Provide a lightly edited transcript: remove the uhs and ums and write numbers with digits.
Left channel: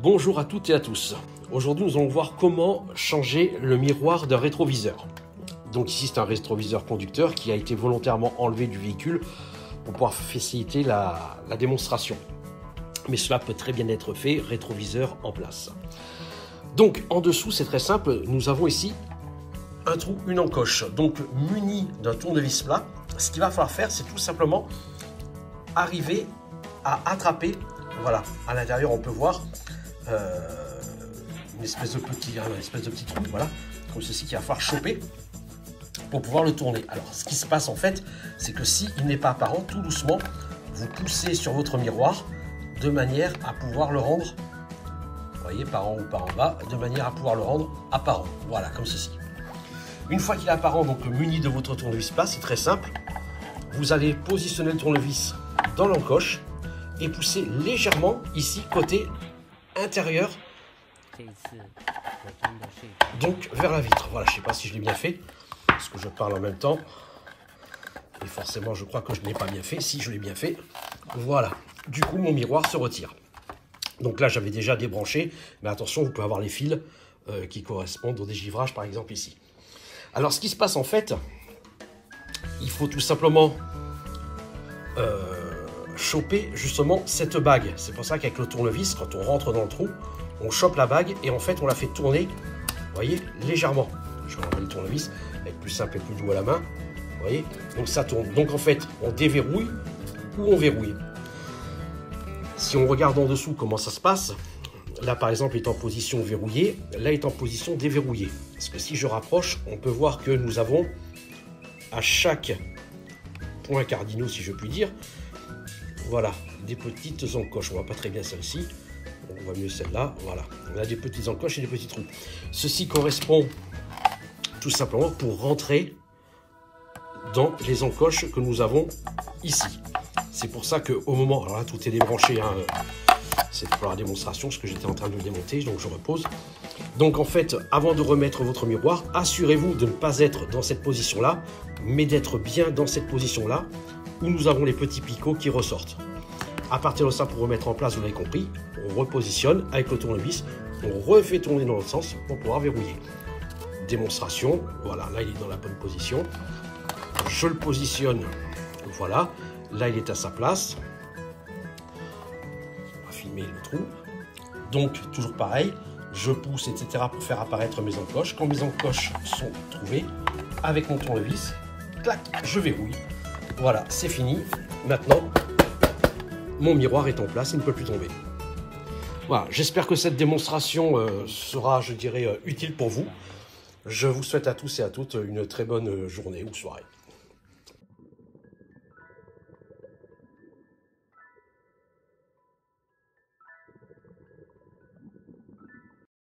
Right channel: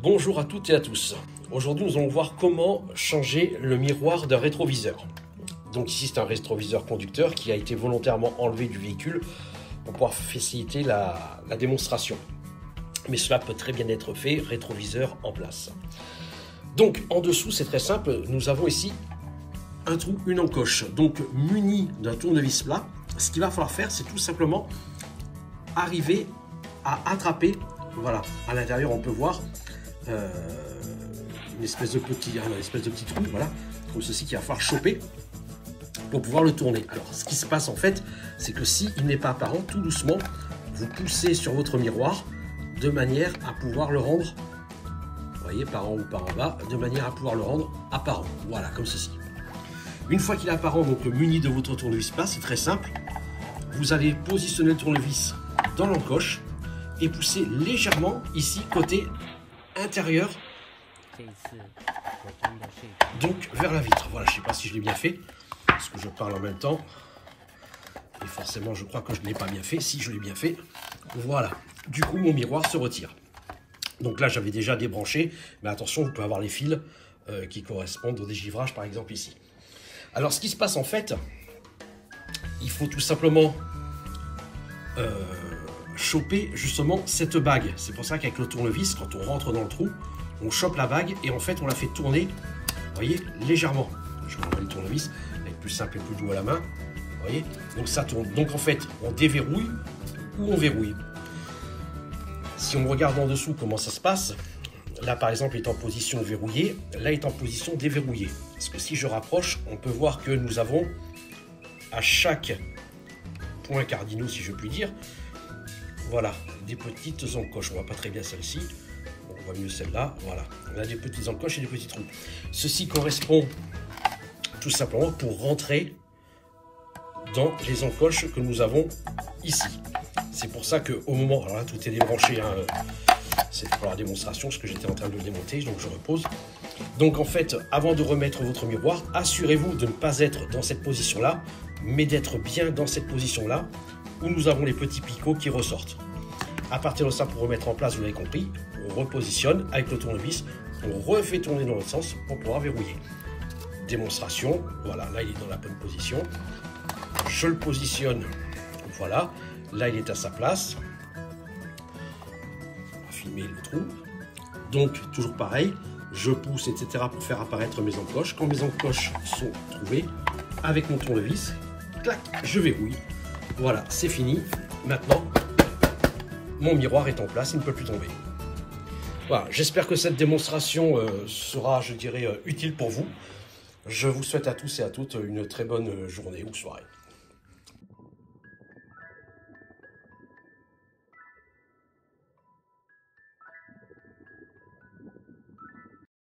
Bonjour à toutes et à tous. Aujourd'hui, nous allons voir comment changer le miroir d'un rétroviseur. Donc ici, c'est un rétroviseur conducteur qui a été volontairement enlevé du véhicule pour pouvoir faciliter la démonstration. Mais cela peut très bien être fait, rétroviseur en place. Donc en dessous, c'est très simple, nous avons ici un trou, une encoche. Donc muni d'un tournevis plat, ce qu'il va falloir faire, c'est tout simplement arriver à attraper, voilà, à l'intérieur on peut voir une espèce de petit trou, voilà, comme ceci qu'il va falloir choper pour pouvoir le tourner. Alors ce qui se passe en fait, c'est que s'il n'est pas apparent, tout doucement, vous poussez sur votre miroir de manière à pouvoir le rendre, vous voyez, par en haut, par en bas, de manière à pouvoir le rendre apparent, voilà, comme ceci. Une fois qu'il est apparent, donc muni de votre tournevis plat, c'est très simple, vous allez positionner le tournevis dans l'encoche et pousser légèrement ici côté intérieur, donc vers la vitre. Voilà, je ne sais pas si je l'ai bien fait parce que je parle en même temps et forcément je crois que je ne l'ai pas bien fait. Si je l'ai bien fait, voilà, du coup mon miroir se retire. Donc là j'avais déjà débranché, mais attention, vous pouvez avoir les fils qui correspondent au dégivrage par exemple ici. Alors ce qui se passe en fait, il faut tout simplement choper justement cette bague. C'est pour ça qu'avec le tournevis, quand on rentre dans le trou, on chope la bague et en fait on la fait tourner, vous voyez, légèrement. Je vais enlever le tournevis, avec plus simple et plus doux à la main, vous voyez, donc ça tourne. Donc en fait on déverrouille ou on verrouille. Si on regarde en dessous comment ça se passe, là par exemple est en position verrouillée, là est en position déverrouillée. Parce que si je rapproche, on peut voir que nous avons à chaque point cardinaux, si je puis dire, voilà, des petites encoches. On voit pas très bien celle-ci, on voit mieux celle-là, voilà. On a des petites encoches et des petits trous. Ceci correspond tout simplement pour rentrer dans les encoches que nous avons ici. C'est pour ça qu'au moment, alors là tout est débranché, hein, c'est pour la démonstration, ce que j'étais en train de démonter, donc je repose. Donc en fait, avant de remettre votre miroir, assurez-vous de ne pas être dans cette position-là, mais d'être bien dans cette position-là, où nous avons les petits picots qui ressortent. À partir de ça, pour remettre en place, vous l'avez compris, on repositionne avec le tournevis, on refait tourner dans l'autre sens pour pouvoir verrouiller. Démonstration, voilà, là il est dans la bonne position. Je le positionne, voilà, là il est à sa place. On va filmer le trou. Donc, toujours pareil, je pousse, etc. pour faire apparaître mes encoches. Quand mes encoches sont trouvées, avec mon tournevis, clac, je verrouille. Voilà, c'est fini. Maintenant, mon miroir est en place, il ne peut plus tomber. Voilà, j'espère que cette démonstration sera, je dirais, utile pour vous. Je vous souhaite à tous et à toutes une très bonne journée ou soirée.